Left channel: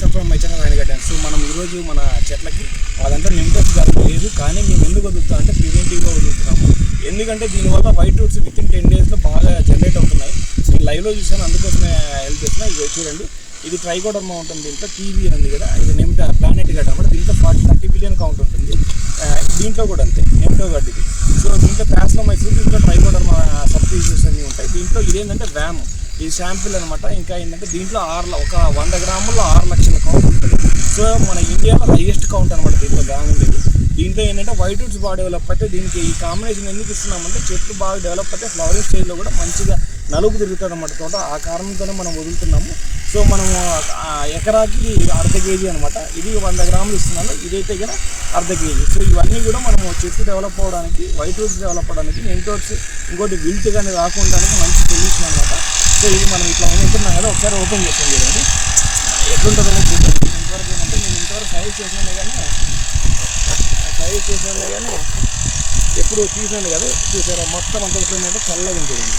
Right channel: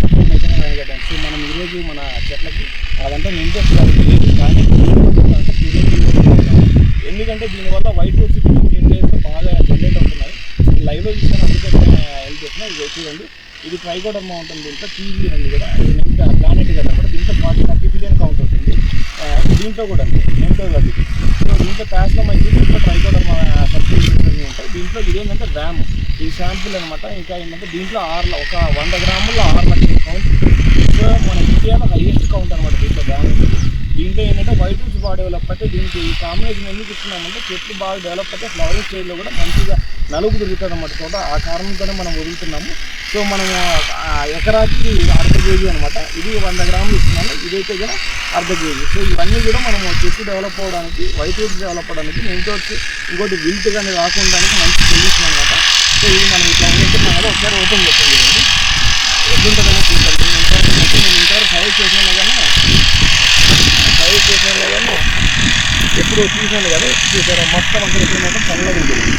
Support my channel so మనం ఈరోజు మన చెట్లకి వాళ్ళంతా నింపొచ్చు కాదు లేదు కానీ ఎందుకు వదులుతా అంటే ప్రివెంటివ్గా వదులుతున్నాము ఎందుకంటే దీనివల్ల white roots within ten డేస్లో బాగా జనరేట్ అవుతున్నాయి. నేను లైవ్లో చూసాను అందుకోసమే హెల్ప్ చేస్తున్నా. ఇది చూడండి ఇది ట్రైకోడర్మా ఉంటుంది దీంట్లో టీవీ ఉంది కదా ఇది నెమ్టో ప్లానెట్ గడ్డ అనమాట దీంట్లో ఫార్టీ థర్టీ బిలియన్ కౌంట్ ఉంటుంది. దీంట్లో కూడా అంతే నెమ్టో గడ్డికి సో దీంట్లో ప్యాస్లోమైసిన్ దీంట్లో ట్రైకోడర్మా సబ్స్టిట్యూషన్స్ అన్నీ ఉంటాయి. దీంట్లో ఇదేంటంటే వ్యామ్. ఈ శాంపిల్ అనమాట ఇంకా ఏంటంటే దీంట్లో ఆరు ఒక వంద గ్రాముల్లో ఆరు లక్షల కౌంట్. ఉంటుంది సో మన ఇండియాలో హైయెస్ట్ కౌంట్ అనమాట దీంట్లో వ్యామ్ ఉంటుంది దీంట్లో ఏంటంటే వైట్ వుడ్స్ బాగా డెవలప్ అయితే దీనికి ఈ కాంబినేషన్ ఎందుకు ఇస్తున్నామంటే చెట్లు బాగా డెవలప్ అయితే ఫ్లవరింగ్ స్టేజ్లో కూడా మంచిగా నలుపు తిరుగుతుంది అన్నమాట తోట. ఆ కారణంతోనే మనం వదులుతున్నాము. సో మనము ఎకరాకి అర్ధ కేజీ అనమాట ఇది వంద గ్రాములు ఇస్తున్నాను ఇదైతే కూడా అర్ధ కేజీ. సో ఇవన్నీ కూడా మనము చెట్టు డెవలప్ అవ్వడానికి వైట్ వుడ్స్ డెవలప్ అవ్వడానికి ఇంకోటి ఇంకోటి విల్ట్ కానీ రాకుండా మంచి సొల్యూషన్ అనమాట సో ఇది మనం ఇట్లా ఉంటున్నాం కదా ఒకసారి ఓపెన్ చేస్తాం చూడండి. ఎట్లుంటుందని చూద్దాం. ఇంతవరకు మొత్తం నేను ఇంతవరకు సైజ్ చేసినా కానీ సైజ్ చేసినా కానీ ఎప్పుడు తీసాను కదా. చూసారా? మొత్తం అంతా మొత్తం చల్లగా ఉంటుంది.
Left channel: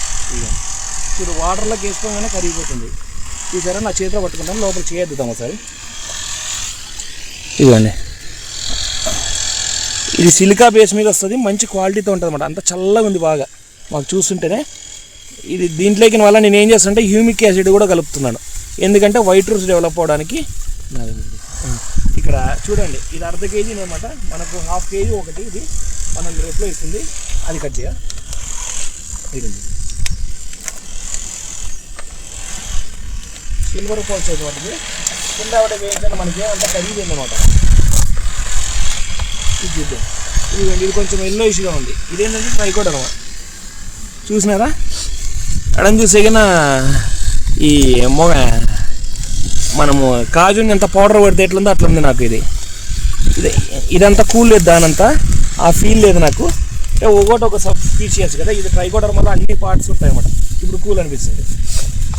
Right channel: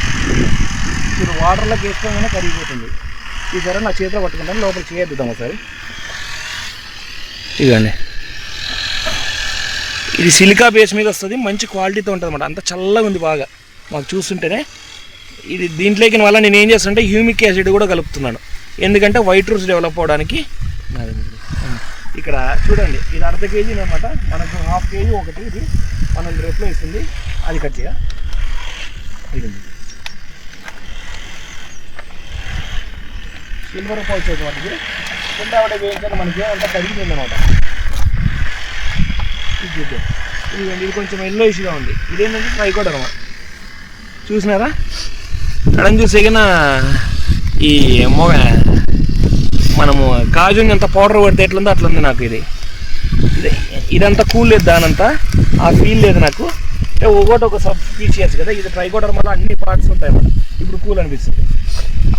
మీరు వాటర్లోకి వేసుకోగానే కరిగిపోతుంది. చూసారా నా చేతిలో పట్టుకుంటాను. లోపల చేయొద్దాం ఒకసారి. ఇదండి ఇది సిలికా బేస్ మీద వస్తుంది. మంచి క్వాలిటీతో ఉంటుంది అనమాట అంత చల్లగా ఉంది బాగా. మాకు చూస్తుంటేనే ఇది దీంట్లోకి వల్ల నేను ఏం చేస్తానంటే హ్యూమిక్ యాసిడ్ కూడా కలుపుతున్నాను. ఎందుకంటే వైట్ రూట్స్ డెవలప్ అవడానికి ఇక్కడ చూడండి ఇది అర్ధ కేజీ అనమాట మనకు హాఫ్ కేజీ ఒకటి ఇది మనం రేట్లో ఇస్తుంది అది కట్ చేయ. సిల్వర్ ఫాల్స్ వాటికి. కింద ఆవిడ వేయించిన మనకి అంత కరిగింది అనమాట ఇది చూద్దాం. ఇదిగోండి ఇది కొంచెం ఎల్లో ఇష్యూగా ఉంది. ఇదేంటంటే ట్రైకోడర్మా చూసినారా? ఎడం చూసేగిన ఈ మొగ మనము కాజుని ఎంత పౌడర్ కొడితే ఎట్లుందో అట్లుంది నాకు ఇది. ఇది ఇదంతా కూల్ లేదు దానంతా. ఆ ఫీల్ లేదు నాకు. అంటే ఒకటి ఒక సబ్ స్పీషియస్ కదా ఇది ట్రైకోడర్ మళ్ళీ అన్ని పార్ట్స్ ఉంటాయి అన్నమాట. ఇప్పుడు కూల్ అనిపిస్తుంది.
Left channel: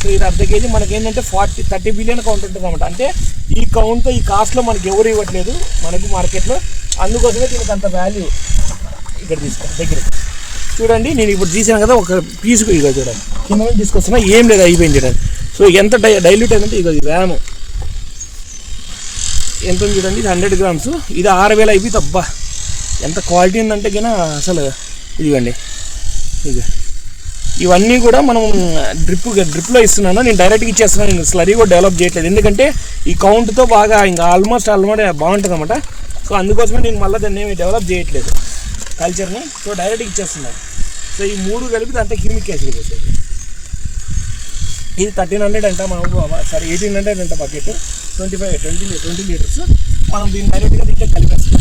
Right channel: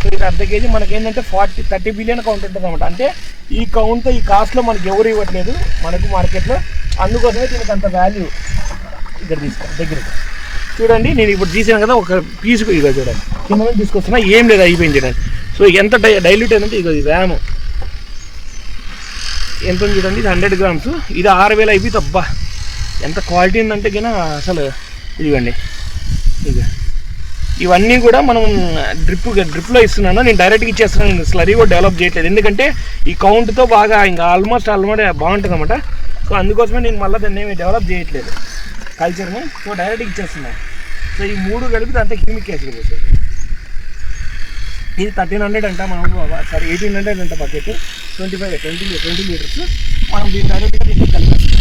సో ఇది అర్ధ కేజీ మనకి ఏంటంటే ఫార్టీ థర్టీ బిలియన్ కౌంట్ ఉంటుంది అనమాట అంటే ఈ కౌంట్ ఈ కాస్ట్లో మనకి ఎవరు ఇవ్వట్లేదు మనకు మార్కెట్లో అందుకోసమే దీనికి అంత వాల్యూ ఇక్కడ తీసుకో దగ్గర చూడండి నేను ఇప్పుడు తీసాను కదా ఒక పీస్ ఇక చూడండి. కింద నుంచి తీసుకొస్తున్నా ఏం లేదు అయిపోయింది చూడండి. సో ఎంత డై డైల్యూట్ అయిందంటే ఇక ఇది ర్యామ్ ఎంత ఉంది చూడండి ఇది హండ్రెడ్ గ్రామ్స్ ఇది ఆరు వేలు అయిపోయింది అబ్బా. ఎంత క్వాలిటీ ఉందంటే కినా అసలు ఇదిగోండి. ఇది ఇవన్నీ కూడా మనం డ్రిప్ డ్రిప్లో ఇస్తున్నాను. నేను డైరెక్ట్గా ఇచ్చేస్తున్నాను. నేను స్లరీ కూడా డెవలప్ చేయట్లేదు. ఎందుకంటే ఈ కౌంట్తో బాగా ఇంకా ఆల్మోస్ట్ ఆల్మోస్ట్ బాగుంటుంది అనమాట సో అందుకోసమే నేను మళ్ళీ దాన్ని ఏమి డెవలప్ చేయట్లేదు. కల్చర్ని సో డైరెక్ట్గా ఇచ్చేస్తున్నాం సో ఈ మూడు కలిపి దాంట్లో క్యూమిక్ యాసిడ్ పోతుంది ఇది థర్టీన్ హండ్రెడ్ అంట మనకు సారీ ఎయిటీన్ హండ్రెడ్ అంట bucket twenty five twenty twenty litres మనం దీని డైరెక్ట్గా దీంట్లో కలిపేస్తాం.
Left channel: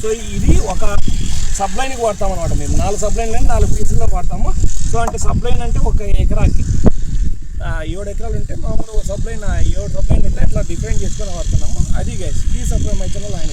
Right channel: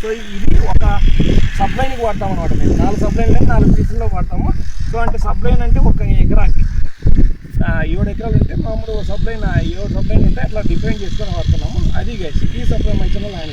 సో ఇది ఒక సబ్లైన్కి వాడతాం అనమాట మేము. నాలుగు సబ్లైన్లు నాలుగు పీసుల్లో వాడతాము. సో అంటే సబ్లైన్ అంటే ఒక ఎకరాకి. ఏడు ఎకరాలు ఉంటే మామూలు సబ్లైన్ ఏడు సబ్లైన్ ఉంటే అట్లా డిఫైన్ చేసుకొని వాడుతున్నాము. అది గైస్ ఈ సబ్లైన్ అయితే ఆయన